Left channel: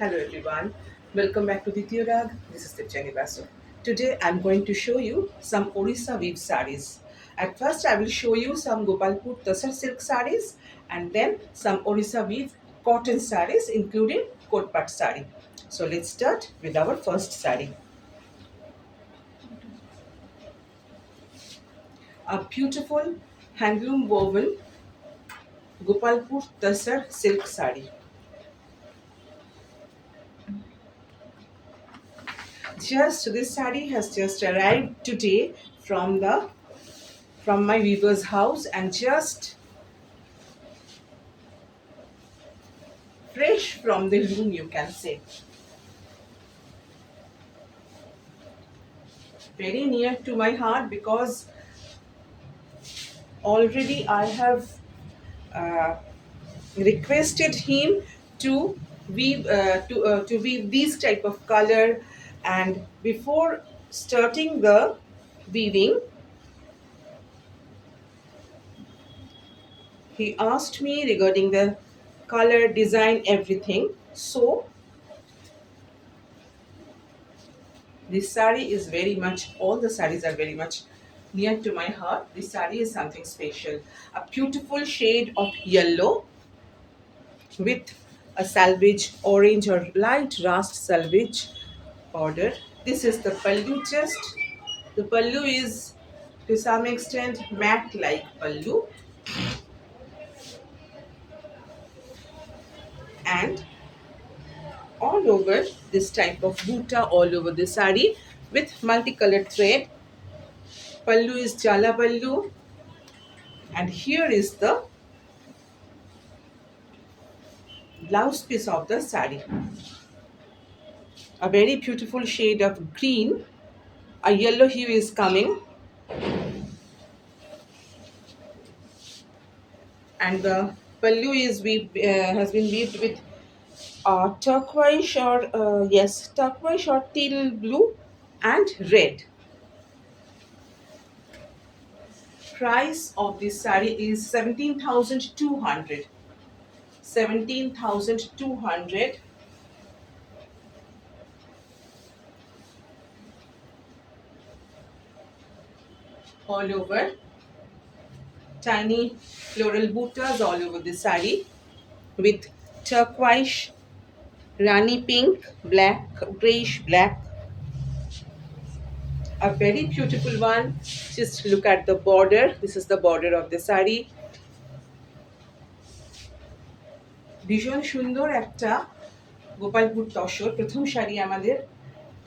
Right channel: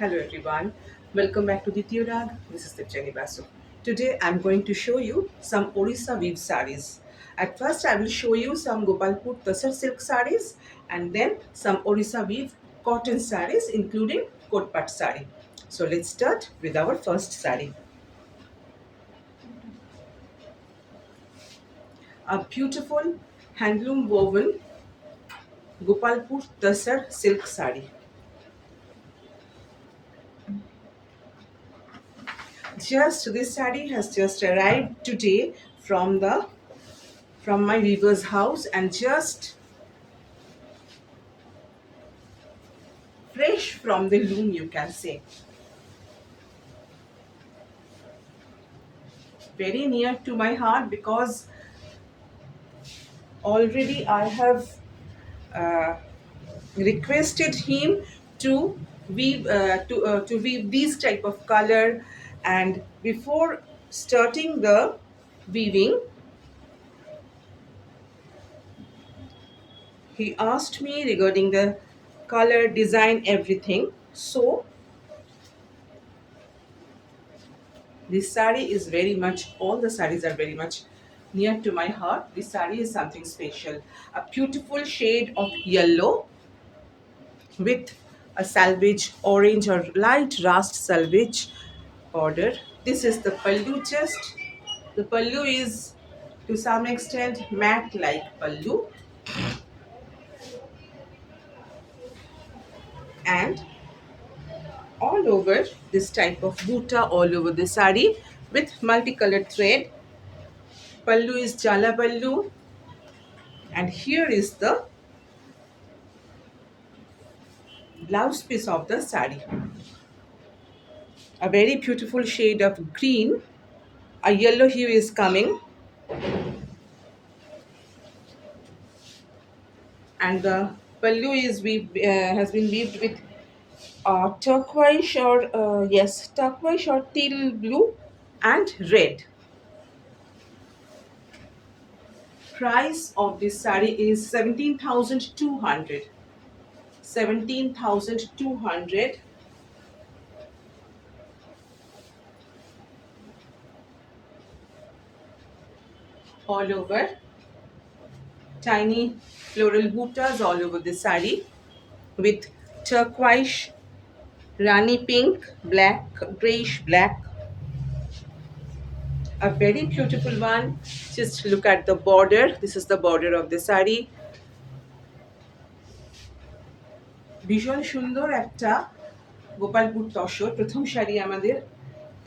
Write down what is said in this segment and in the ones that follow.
Hello everyone, welcome back to Ditya Rag. This is Tipchani Basu. Today I'm going to show you some Orissa weave sarees. At first I will show you some Gopalpur Tasar silk sarees and then some Orissa weave cotton sarees including Kotpat saree. So let's start with our first saree. A beautiful handloom woven Gopalpur Tasar silk saree. Just this saree has just arrived today from my weaver's house and just fresh from the loom, you can say. Very near to my heart because already I have uh, requested him to weave these type of color, and before starting the weaving he asked me regarding the color design everything. So this sari is very much, all the saris are very much near to my heart. This sari is something special. A beautiful shade of yellow with a salvage orange or light rust salvage border. This is the pallu chest. The pallu is to some extent matte like pallu, and all over this type of buta all over the sari with multicolored thread. Pallu is jala pallu, and here is the blouse piece of the sari. A very beautiful shade of green. A yellow hue is coming, and the pallu is has been weaved with turquoise or teal blue and red. Price of this sari is 17,200. 17,200. All over. Tiny floral buttas all over the sari with turquoise, rani pink, black, grayish black. A very beautiful one. Just look at the border. This is the border of the sari. ভীষণ সুন্দর একটা গোপালপুর তসর প্রথম শাড়ি আমাদের।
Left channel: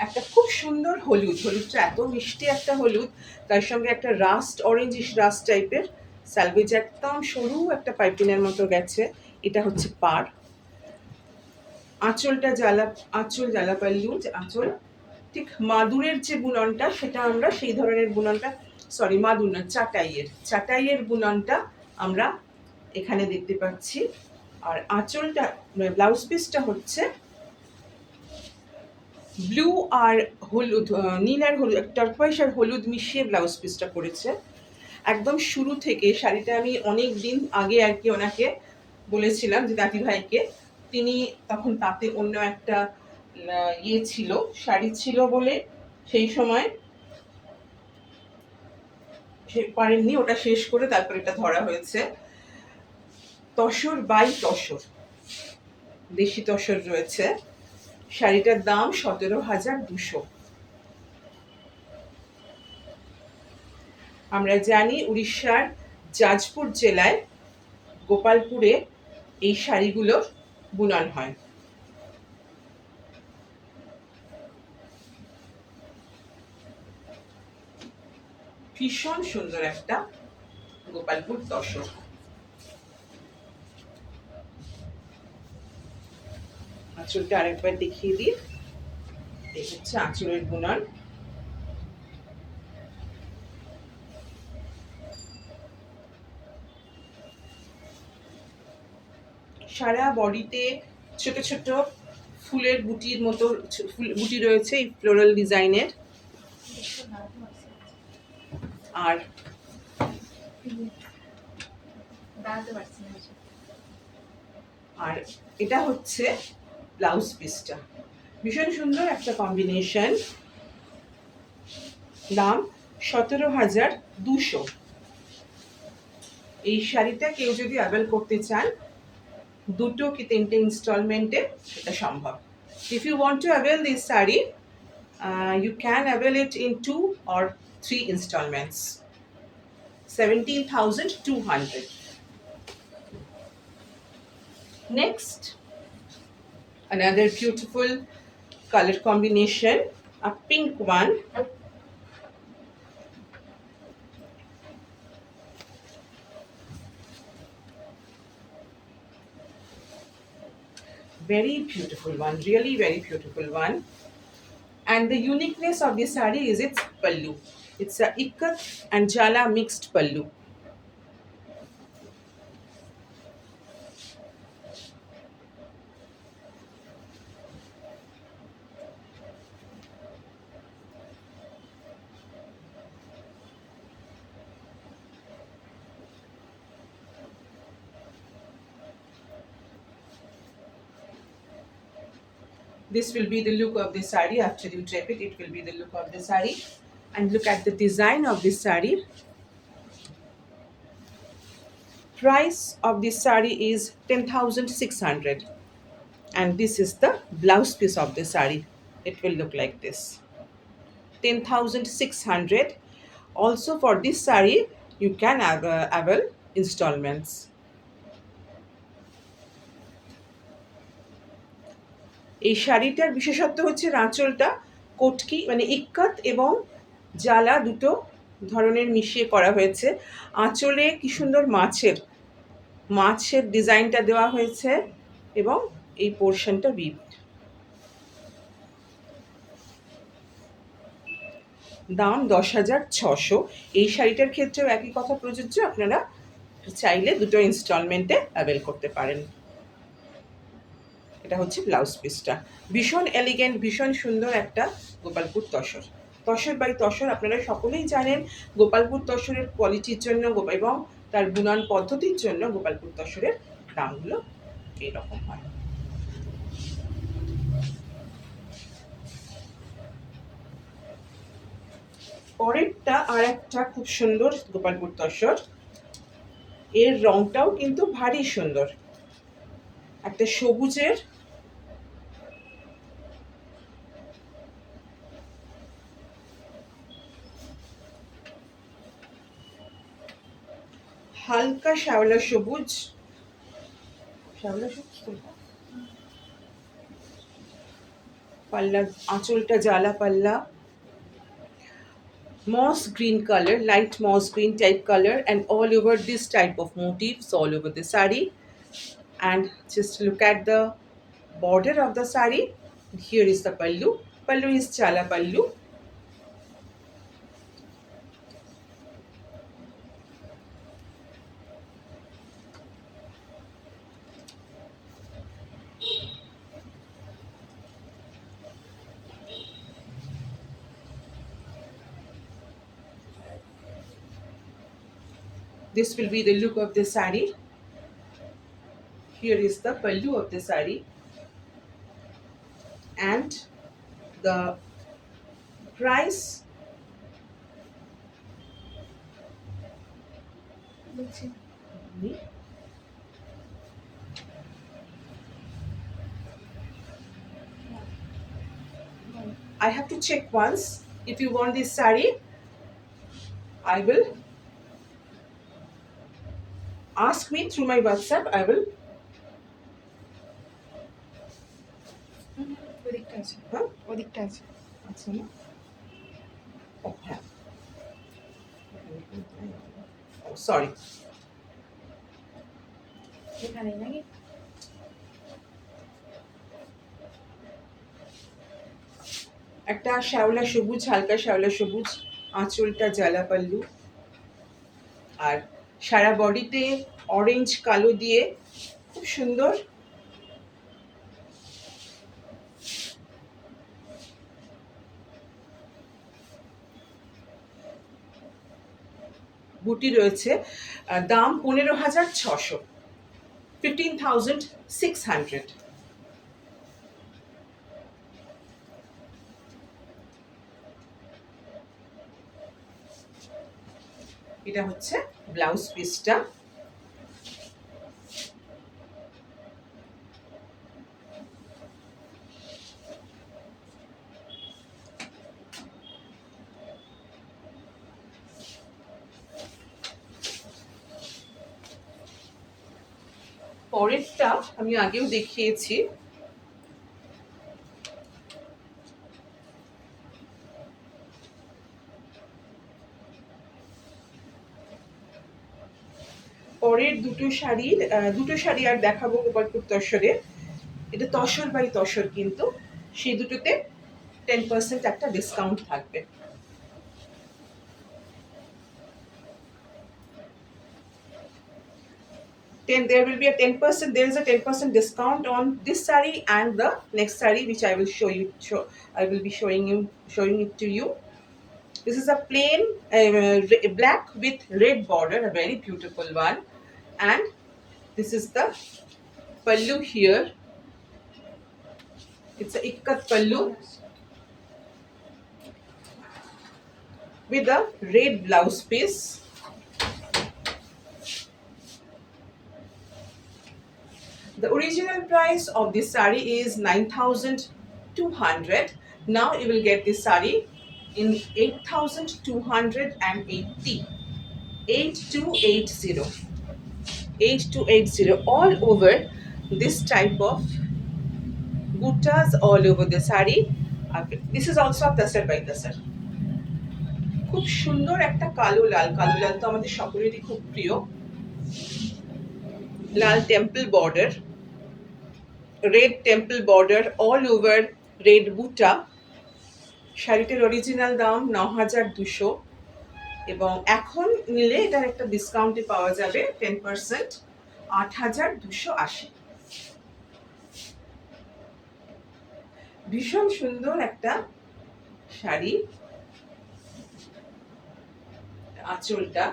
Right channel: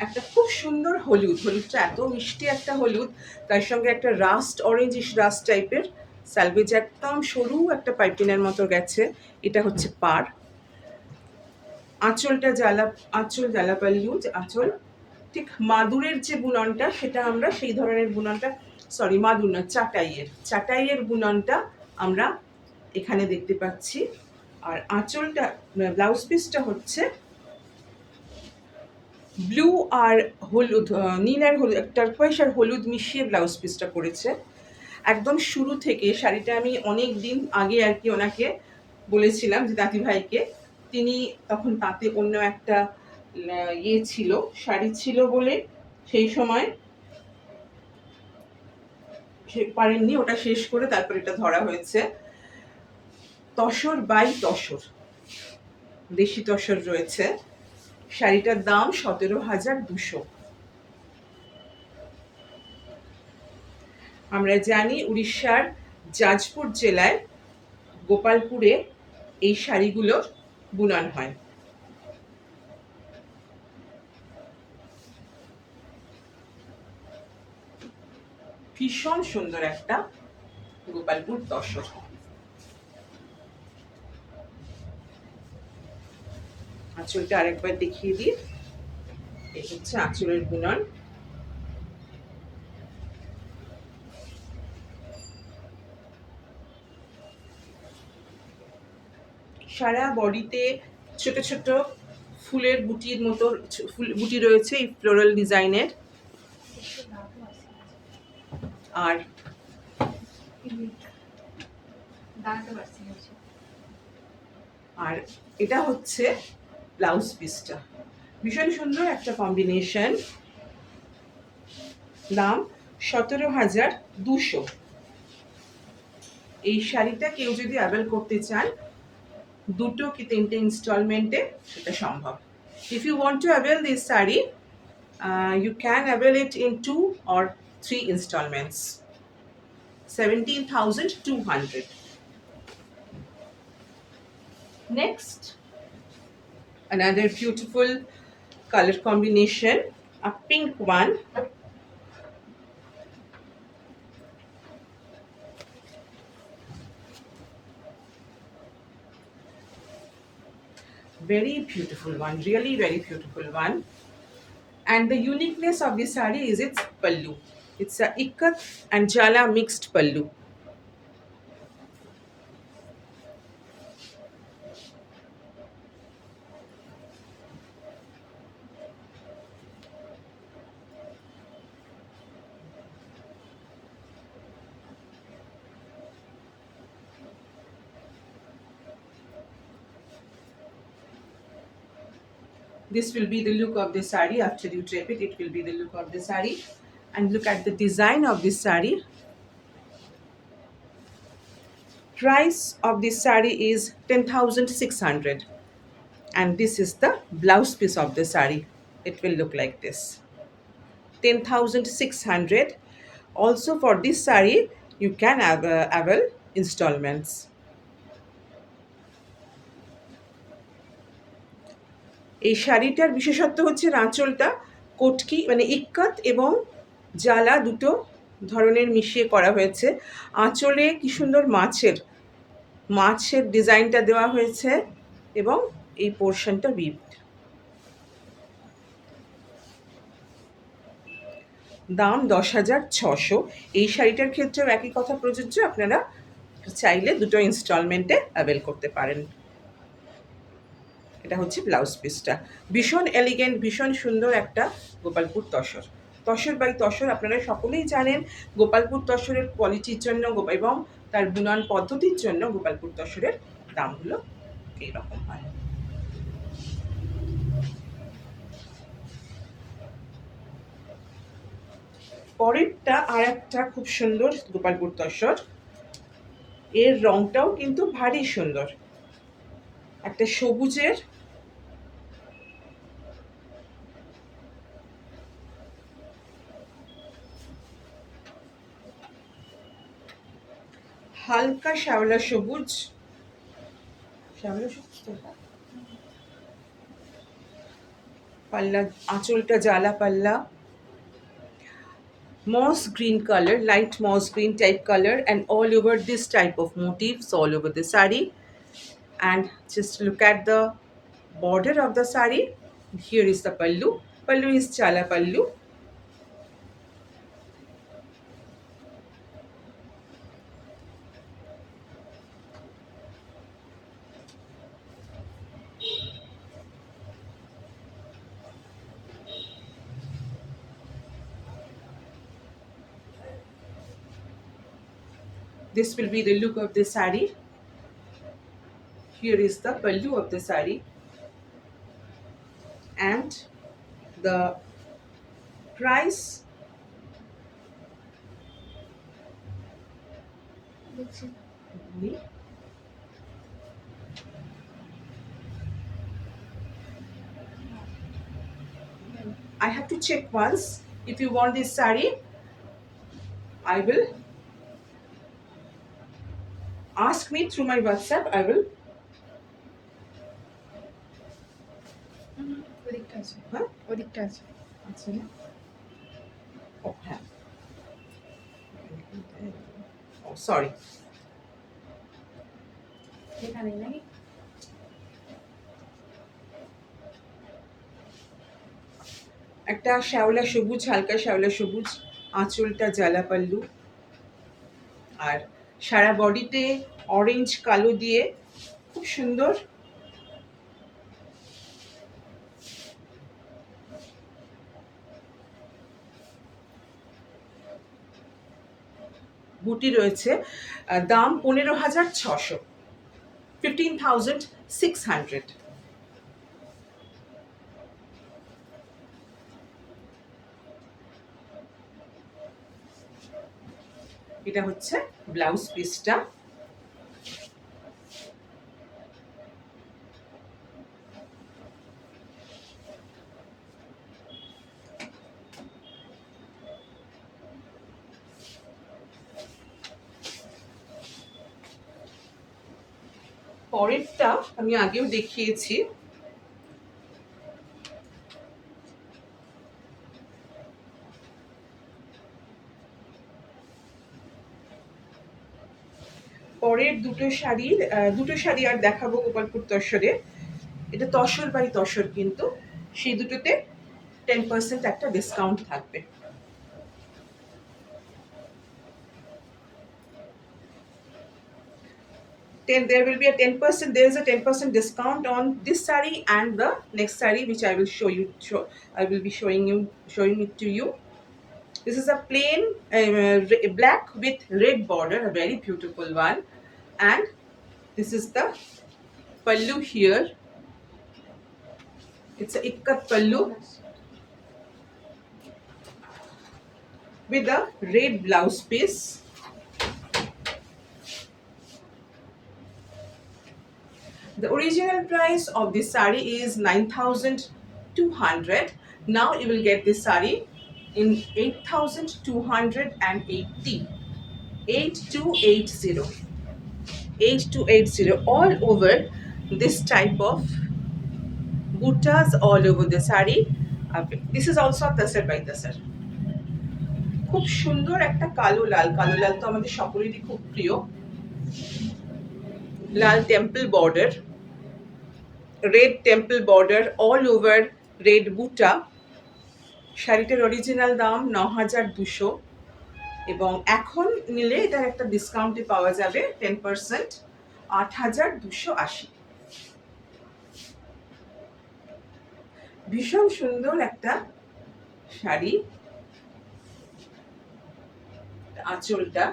একটা খুব সুন্দর হলুদটা এত মিষ্টি একটা হলুদ, তার সঙ্গে একটা রাস্ট অরেঞ্জিশ রাস্ট টাইপের সালভেজ, একদম সরু একটা পাইপিনের মতো গেছে। এটা হচ্ছে পাড়। আঁচল জ্বালাপাল্লু আঁচল, ঠিক মাদুরের যে বুননটা সেটা আমরা সেই ধরনের বুননটা, সরি মাদুর না, চাটাইয়ের বুননটা আমরা এখানে দেখতে পাচ্ছি। আর আঁচলটা, ব্লাউজ পিসটা হচ্ছে ব্লু আর হলুদ, নীল আর হলুদ, টারকোয়াইশ আর হলুদ মিশিয়ে ব্লাউজ পিসটা করেছে। একদম শুরু থেকে শাড়িটা আমি অনেক দিন আগে আর কি ওনাকে বলেছিলাম যে দাদি ভাইকে, তিনি তখন তাতে অন্য একটা ছিল, শাড়ি ছিল বলে সেই সময় পারেননি, ওটা শেষ করে তারপর এটা ধরা হয়েছে। তসর বাই তসর, দেশি তসর রয়েছে। শাড়িটার দাম 17,200। আমরা জানি উড়িষ্যার জাজপুর জেলায় গোপালপুরে এই শাড়িগুলোর বুনন হয়। ভীষণ সুন্দর একটা গোপালপুর তসর। আঁচলটা আরেকবার দেখিয়ে দিই। এই হচ্ছে আঁচলের বুনন। সারা বডিতে ছোট ছোট ফুলের বুটির মতো বুটি রয়েছে এই ফ্লোরাল ডিজাইনের। আর আর এটা হচ্ছে ব্লাউজ পিসটা ভীষণ সুন্দর একটা কম্বিনেশন। দাম 17,200। এই শাড়িটা কেউ যদি অ্যাভেল করতে চান দুটো কি তিনটে ইনস্টলমেন্টে সেটা সম্ভব। If you want to avail this sari you can avail it in 2 or 3 installments. 17,200. Next, another beautiful color combination, a pink one. Very beautiful one, really very beautiful one. And the uniqueness of this saree is its pallu. It's a ikat and jala mixed pallu. This will be the look of the saree. After you drape it, it will be the look of the saree. And look at the design of this saree. Price of this saree is 10,600. And this is the blouse piece of the saree. It will look like this. 10,600. Also for this saree, you can avail installments. এই শাড়িটার বিশেষত্ব হচ্ছে আঁচলটা কটকি মানে ইক্কাত এবং জালা দুটো ধরনের মিশিয়ে করা হয়েছে। আঁচলে কি সুন্দর মাছের ডিজাইনটা দেওয়া হয়েছে এবং এই পোর্শনটা বিট। দাম 10,600। এই শাড়িটার ক্ষেত্রেও একই কথা প্রযোজ্য, আপনারা চাইলে দুটো ইনস্টলমেন্টে অ্যাভেল করতে পারেন। এটা হচ্ছে ব্লাউজ পিসটা, ভীষণ এলিগেন্ট, ভীষণ সুন্দর একটা গোপালপুর তসর। তসর বাই তসর আপনারা সকলেই জানেন, গোপালপুর তসরের কোয়ালিটির জন্য এবং তার বুনন পদ্ধতির জন্য গোপালপুর তসরের দামগুলো এইরকম হয়। পরেরটা আর একটা খুব সুন্দর গোপালপুর তসর, এর রংটাও কিন্তু ভারী সুন্দর, একটা সবুজের হালকা শ্যাওলা সবুজ, পাল্লা, আঁচলটা জ্বালা পাল্লা, moss green color, light moss green type color, and all over this type of motifs all over the saree. And just look at the border of the saree. Here is the pallu. Pallu is chala pallu. This will be the look of the saree. Here is the pallu of the saree, and the price I have to check once. If you want this saree, I will ask me through my WhatsApp. I will. ওদিকটা আছে, হ্যাঁ ওদিকটা আছে। আচ্ছা না, ও হ্যাঁ, ও সরি, এখানেই নাকি? একটা শ্যাওলা সবুজ, হালকা শ্যাওলা সবুজ, আঁচলটা জ্বালা পাল্লু, আর সারা বডিতে অরেঞ্জ কালো দিয়ে খুব সুন্দর বুটি রয়েছে। দাম 15,600, 15,600। এটা হচ্ছে ব্লাউজ পিসটা। পরেরটা আমি আগেও দেখিয়েছি। পরের দুটো শাড়ি আর দেখাবো গোপালপুর তসরের। এটা তসর বাই তসর, কিন্তু সেই দুটোতে 10% একটা ডিসকাউন্ট থাকবে। There will be a 10%. There is a 10% discount on this saree and the next saree, which I will show you. I will be showing it to you. This is a plain black with red border, a very beautiful one, and this is the pallu here. It's a ikkat pallu with a red blouse piece. The original price of this saree is 9,200. Now you will get this saree in 8,280. 8280. 8280. All over this type of buttas all over the saree. This is also a tasar by tasar. খুব সুন্দর একটা কালো লাল। কালো লাল তো আমাদের সকলেরই খুব প্রিয়। লাল temple border, red temple border, all over red বুটা। শাড়িটার অরিজিনাল দাম 9,200, এবং এখন নিলে এটার একটা ডিসকাউন্টে পাওয়া যাবে 10%, 8,280। ভীষণ সুন্দর একটা শাড়ি। আঁচলটা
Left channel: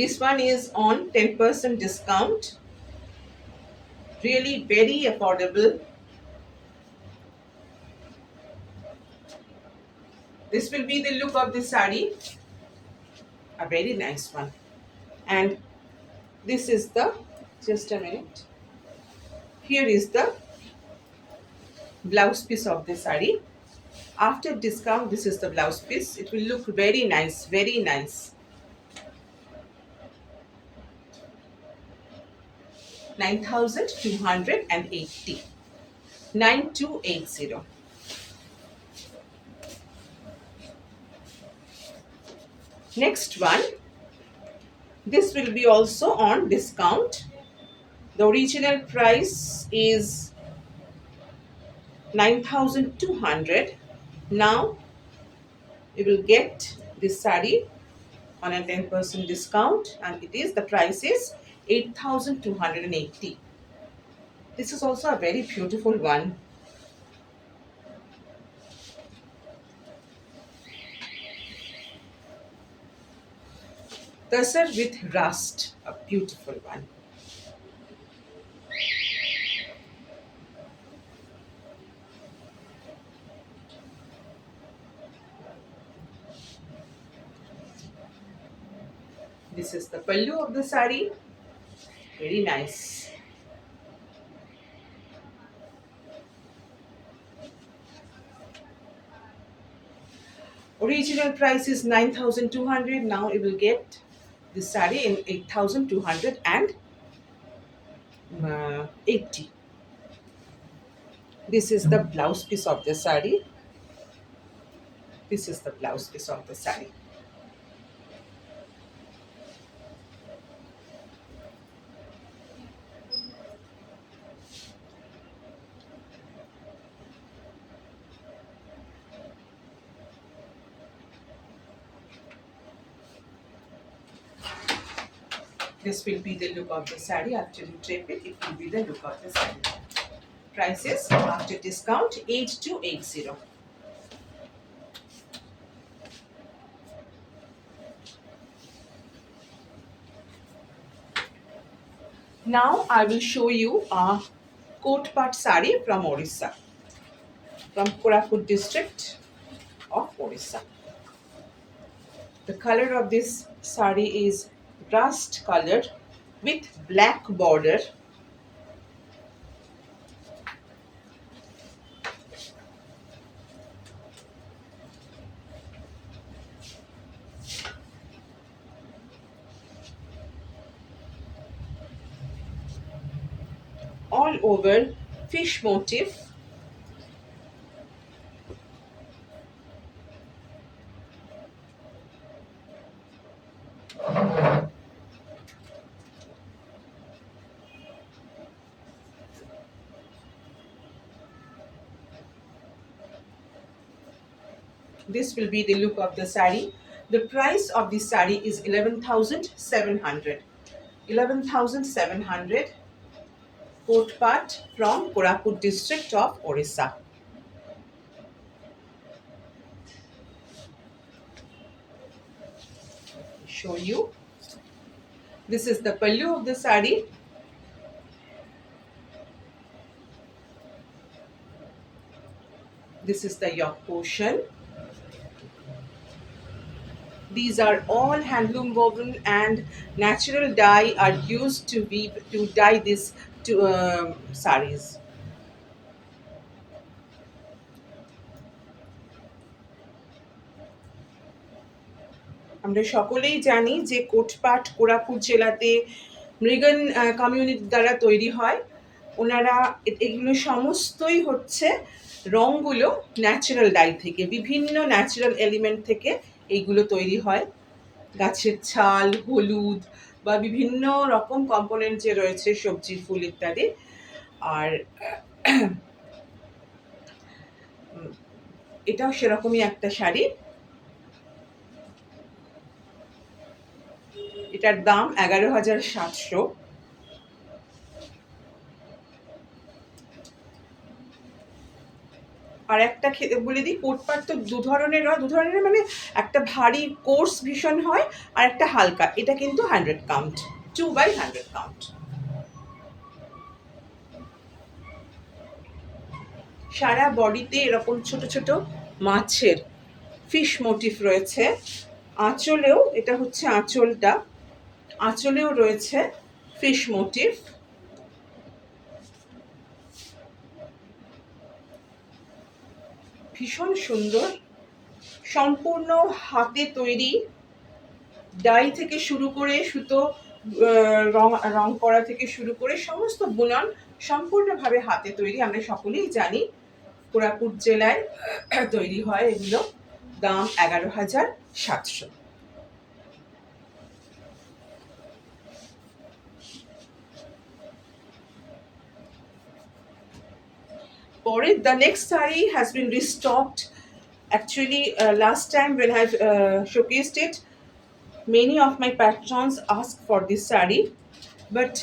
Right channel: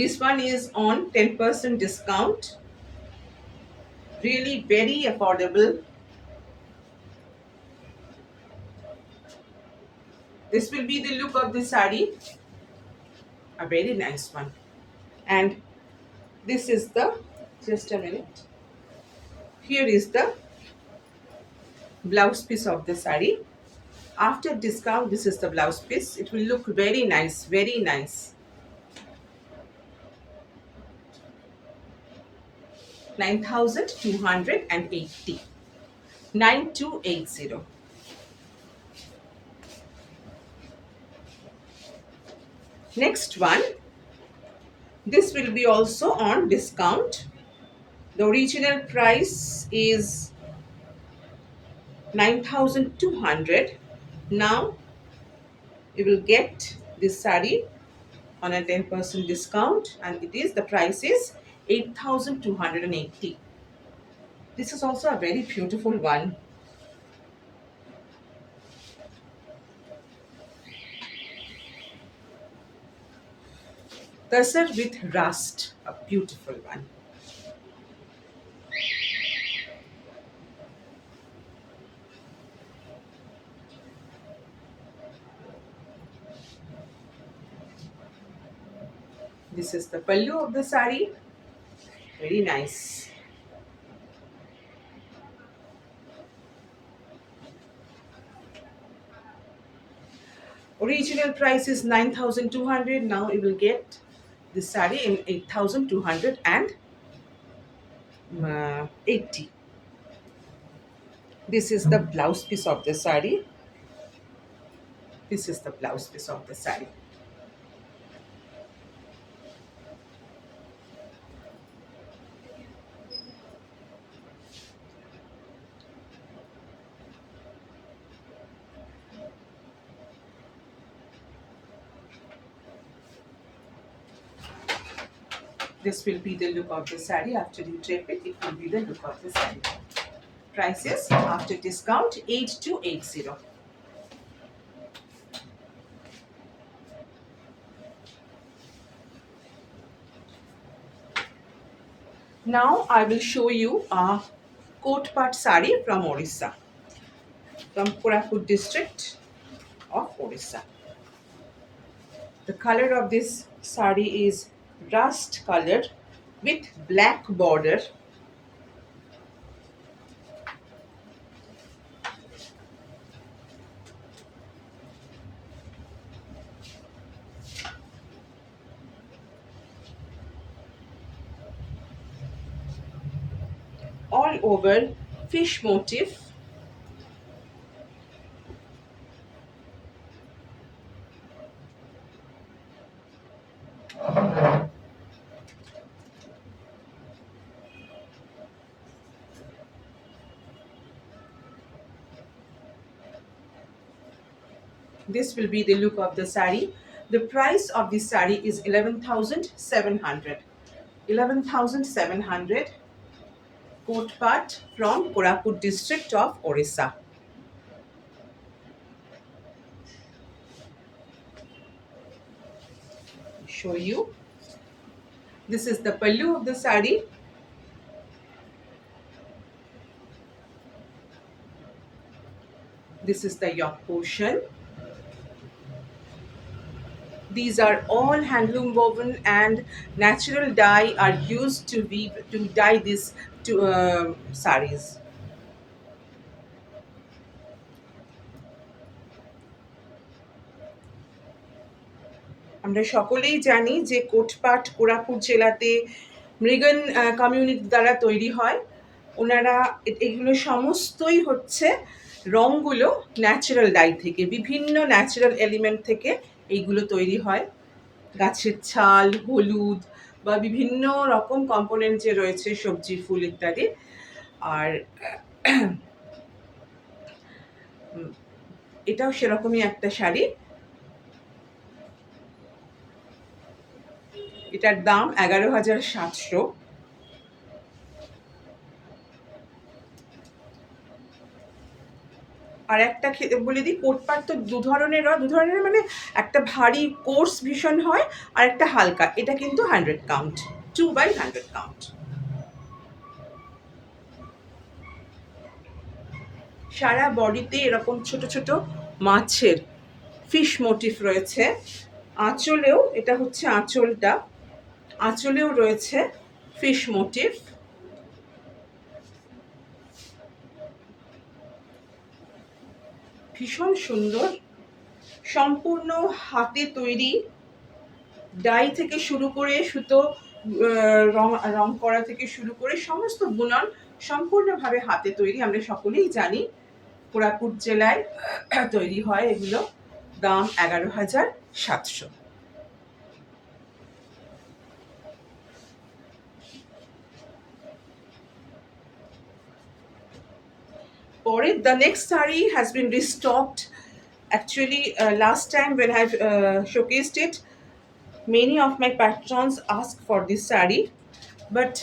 this one is on 10% discount. Really very affordable. This will be the look of the saree. A very nice one. And this is the, just a minute. Here is the blouse piece of the saree. After discount, this is the blouse piece. It will look very nice, very nice. 9,280. 9280. Next one. This will be also on discount. The original price is 9,200. Now you will get this saree on a 10% discount, and the price is 8,280. This is also a very beautiful one. Tasar with rust, a beautiful one. This is the pallu of the saree. Very nice. Original price is 9,200. Now you will get this saree in 8,280. This is the blouse piece of the saree. This is the blouse piece of the saree. This will be the look of the saree. After you drape it, it will be the look of the saree. Prices after discount 8,280. Now I will show you a coat part sari from Orissa, from Koraput district of Orissa. The color of this sari is rust color with black border. All over fish motif. This will be the look of the sari. The price of this sari is 11,700. 11,700. Coat part from Koraput district of Orissa. Show you. This is the pallu of the sari. This is the yoke portion. These are all handloom woven and natural dye are used to dye these saris. আমরা সকলেই জানি যে কোটপাট কোরাপুট জেলাতে মৃগন কমিউনিটি দ্বারা তৈরি হয়। ওনারা এগুলো সমস্তই হচ্ছে রঙগুলো ন্যাচারাল ডাই থেকে, বিভিন্ন ন্যাচারাল এলিমেন্ট থেকে এইগুলো তৈরি হয়। গাছের ছাল, হলুদ বা বিভিন্ন রকম কম্পোনেন্ট যে রয়েছে, সবজি, ফুল ইত্যাদি। আর এটাও সেরকমই একটা শাড়ি। এটার দাম 11,700। আর একটা বলে দিই, কোটপাট তো দু ধরনের মানে একটা ভারী কোর্স ভীষণ হয় আর একটা হালকা। এটা কিন্তু 100 কাউন্ট, 2/100 কাউন্ট। সারা বডিতে এরকম ছোট ছোট মাছের ফিশ মোটিফ রয়েছে। আঁচলেও, এটা হচ্ছে আঁচলটা, আঁচলেও রয়েছে ফিশ মোটিফ। ভীষণ সুন্দর, সম্পূর্ণ হাতে তৈরি। ডাই থেকে শুরু করে সুতো রং করা থেকে শুরু করে সমস্ত বুনন সম্পূর্ণভাবে হাতে তৈরি। আমরা সকলেই জানি কোরাপুট জেলায় তৈরি হয় এগুলো। দাম 11,700। পরে the next saree has been restocked. Actually, last time when I showcased it, many of my patrons asked for this saree, but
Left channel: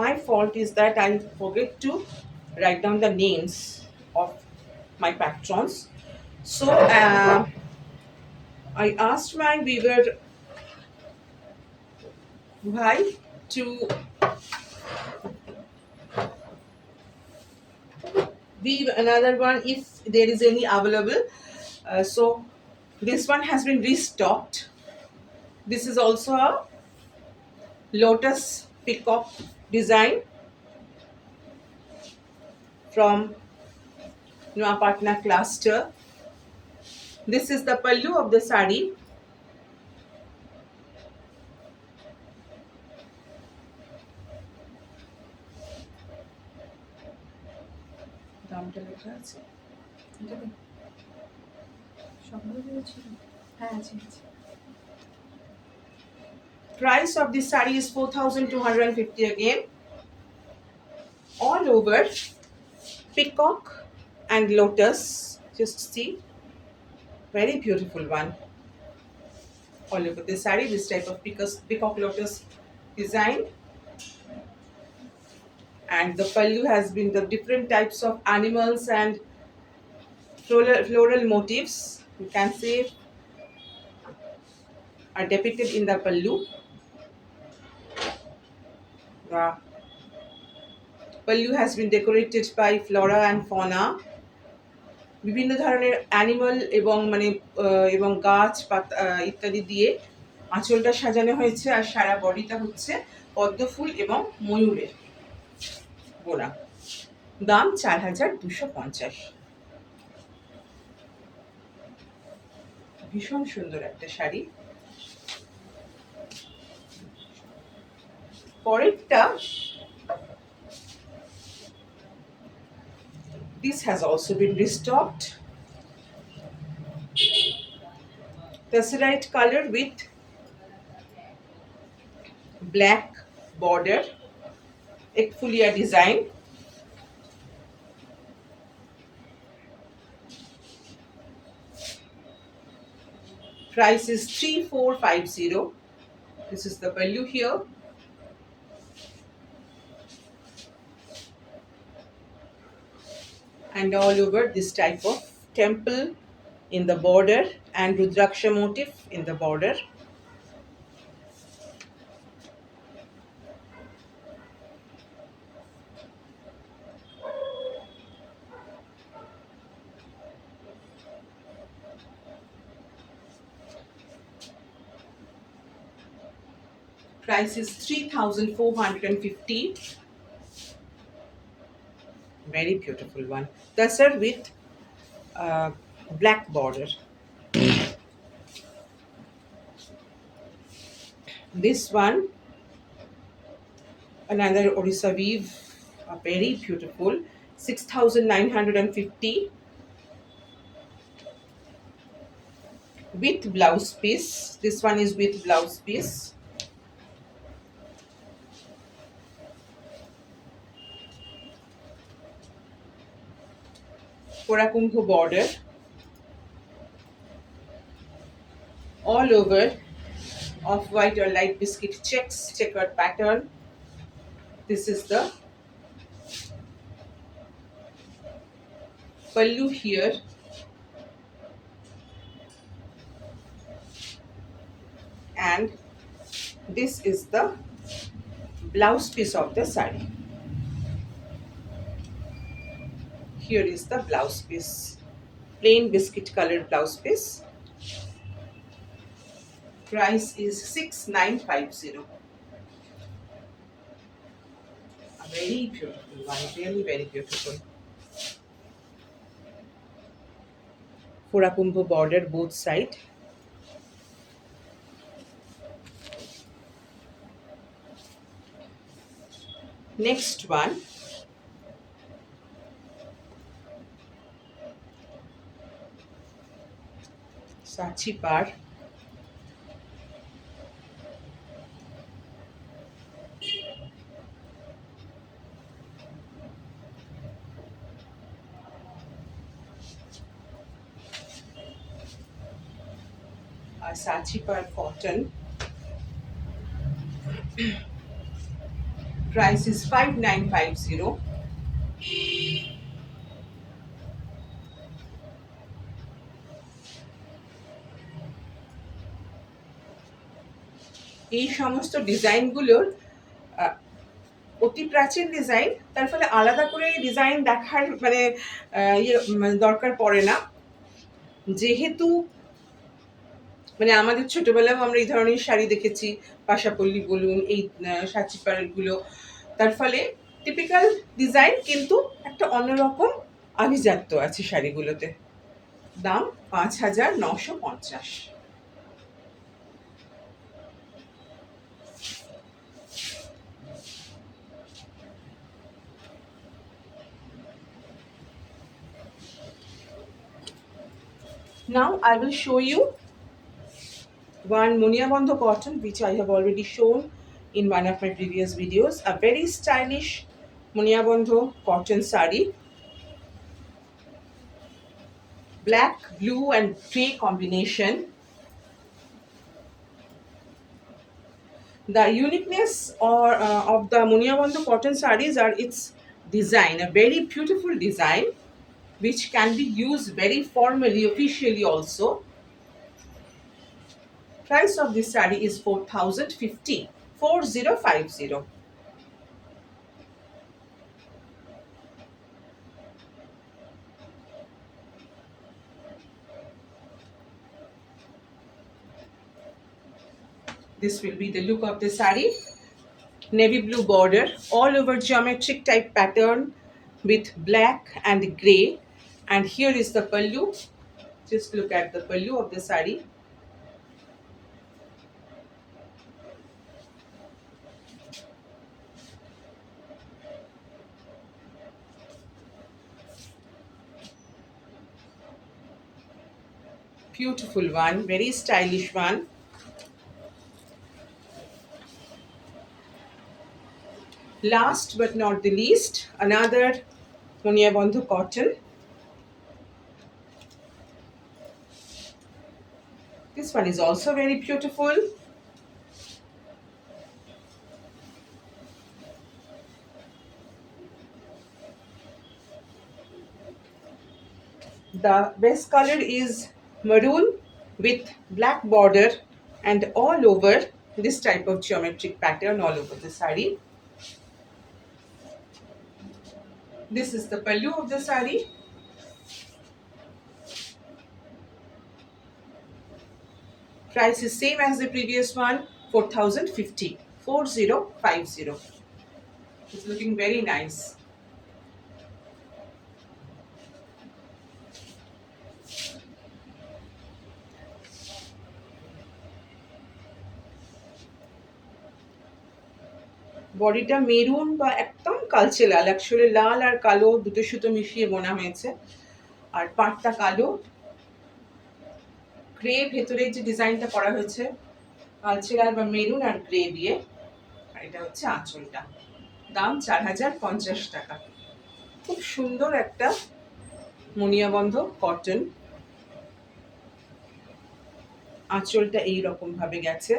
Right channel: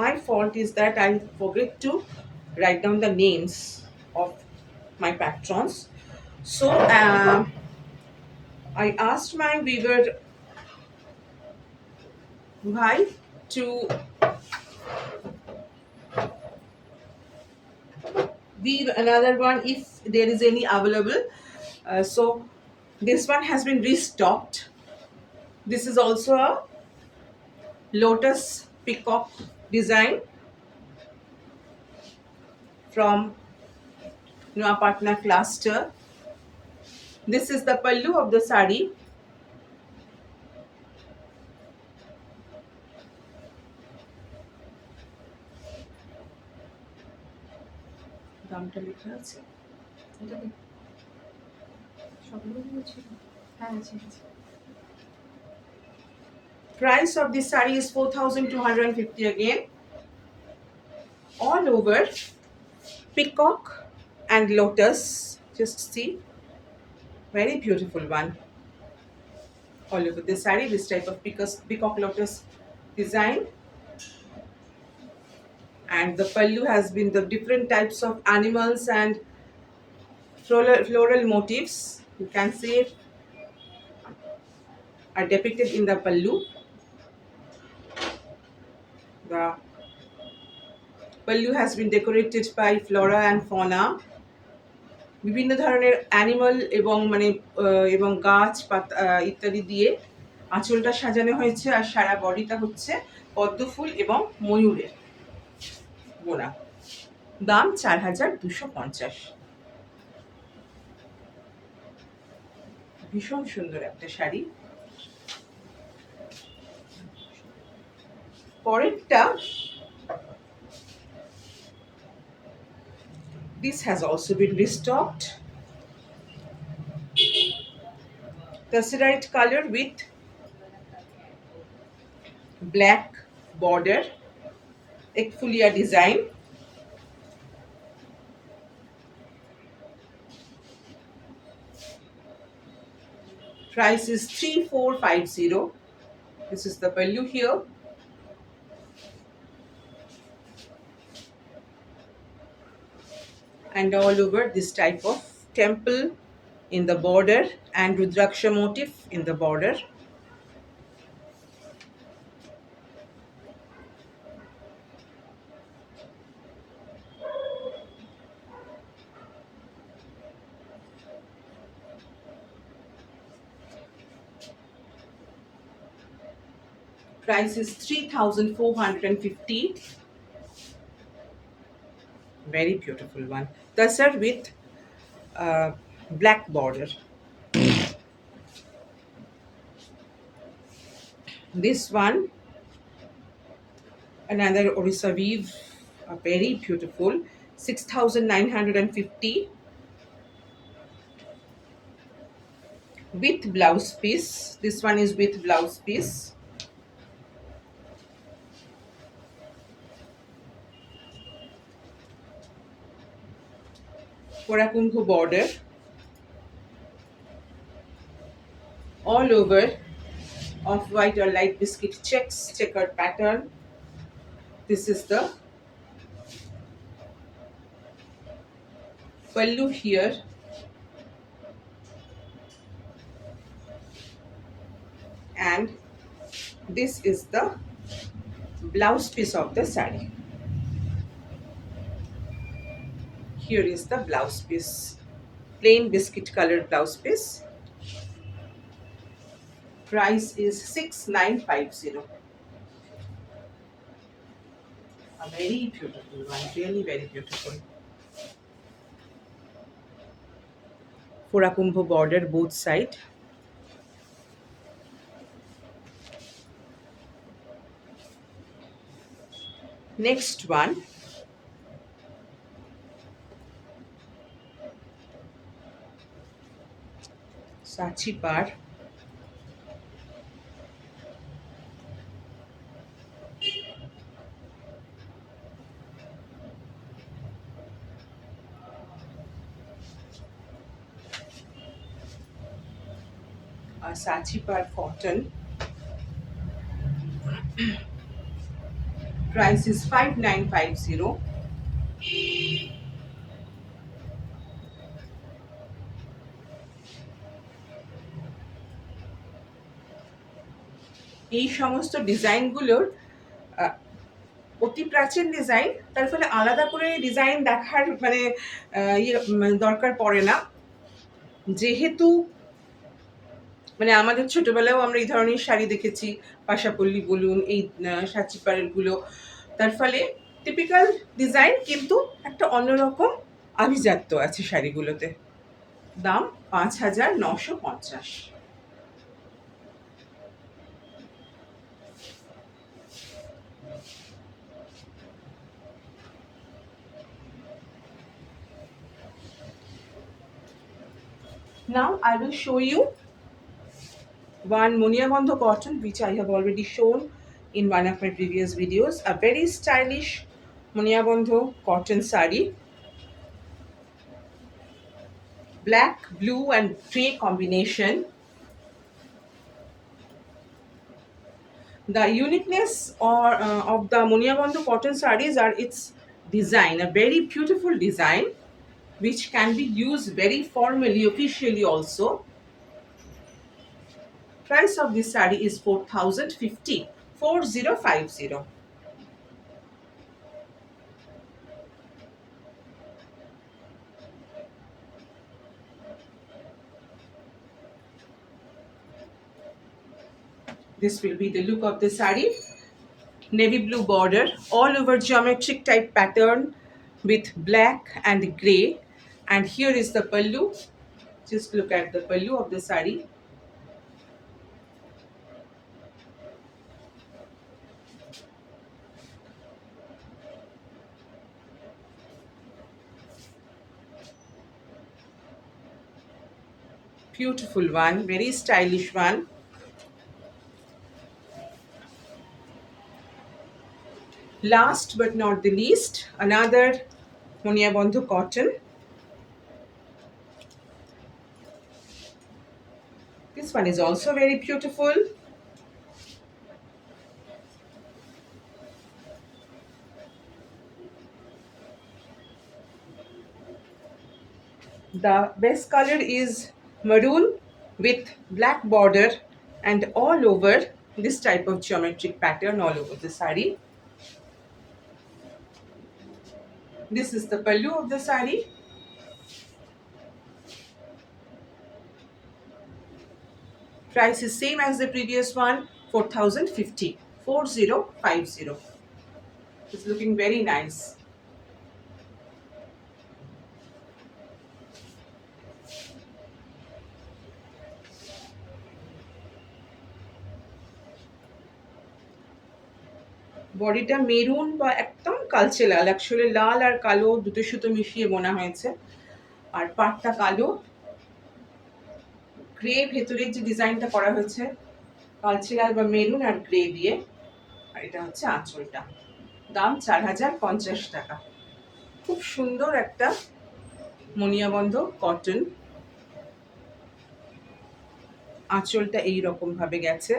my fault is that I forget to write down the names of my patrons. So I asked my weaver bhai to weave another one if there is any available. So this one has been restocked. This is also a lotus peacock design from Noapatna cluster. This is the pallu of the sari. দামটা লেখা আছে, price of this saree is 4,250 again. All over peacock and lotus. Just see, very beautiful one. All over the saree, this type of peacock lotus design. And the pallu has been the different types of animals and floral motifs, you can see, are depicted in the pallu. The pallu has been decorated by flora and fauna. বিভিন্ন ধরনের অ্যানিমাল এবং এবং গাছ পাতা ইত্যাদি দিয়ে আঁচলটা সাজানো হয়েছে, আর সারা বডিটা হচ্ছে পদ্ম ফুল এবং ময়ূরের বোনা। দাম 4250। ভীষণ সুন্দর একটা শাড়ি। পরেরটা, this has also been restocked. Tesseract color with black border, ekfulia design. Price is 3450. This is the pallu here. And all over this type of temple in the border and Rudraksha motif in the border. Price is 3450. Very beautiful one. Tasar with black border. This one, another Orissa weave, very beautiful. 6950 with blouse piece. This one is with blouse piece. Korakumbho border. All over off-white or light biscuit checks, checkered pattern. This is the pallu here. And this is the blouse piece of the saree. Here is the blouse piece. Plain biscuit colored blouse piece. Price is 6950. A very beautiful one, really very beautiful. Korakumbho border both side. Next one, Sachipar. Sachipar cotton. Price is 5950. এই সমস্ত ডিজাইনগুলোর অতি প্রাচীন ডিজাইন, তার ফলে আলাদা করে ডিজাইন দেখার দরকার পড়ে না। যেহেতু আমাদের ছোটবেলাও আমরা এই ধরনের শাড়ি দেখেছি, পাশাপল্লি বলুন, এই সাচিপাড়গুলো, তার ফলে টিপিক্যাল ডিজাইন কিন্তু একটা অন্যরকম আভিজাত্য আছে শাড়িগুলোতে। দাম 5950। Now I will show you one Muniabandho cotton, which I have already shown in one of my previous videos. A very stylish Muniabandho cotton sari. Black, blue and grey combination. The uniqueness of the Muniabandho cotton sarees are its design, a very beautiful design, which can be used very formally, officially also. Price of this saree is 4050. 4050. This will be the look of the sari. Navy blue border, all over geometric type pattern with black and grey. And here is the pallu. Just look at the pallu of the sari. Beautiful one, very stylish one. Last but not the least, another Munia Bandhu cotton. This one is also very beautiful. The best color is maroon with black border and all over this type of geometric pattern all over the sari. This is the pallu of the sari. Price is same as the previous one, 4050. 4050. It's looking very nice. বডিটা মেরুন বা একদম কালচে লাল, অ্যাকচুয়ালি লাল আর কালো দুটো সুতো মিশিয়ে বোনা হয়েছে। আর পাটটা কালো, গ্রে ভেতরে যে ডিজাইনটা করা হয়েছে কালচে লাল বা মেরুন আর গ্রে দিয়ে। আর এটা হচ্ছে আঁচলটা। দাম 4050 টাকা। খুব সুন্দর একটা মনিয়াবন্ধ কটন। আঁচলটা এই রকম ভাবে গেছে।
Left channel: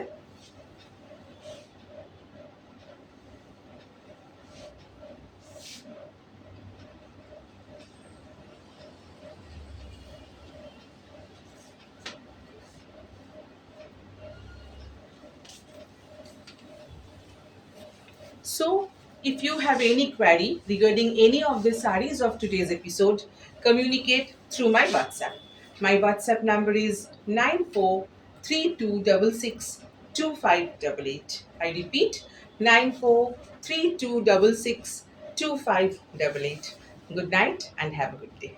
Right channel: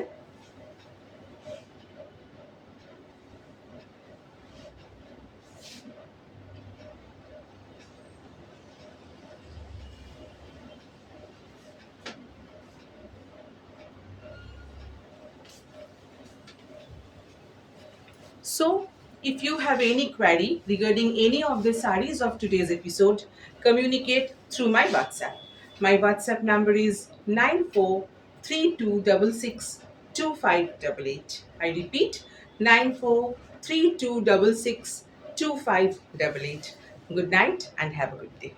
So, if you have any query regarding any of the sarees of today's episode, communicate through my WhatsApp. My WhatsApp number is 9432662588. I repeat, 9432662588. Good night and have a good day.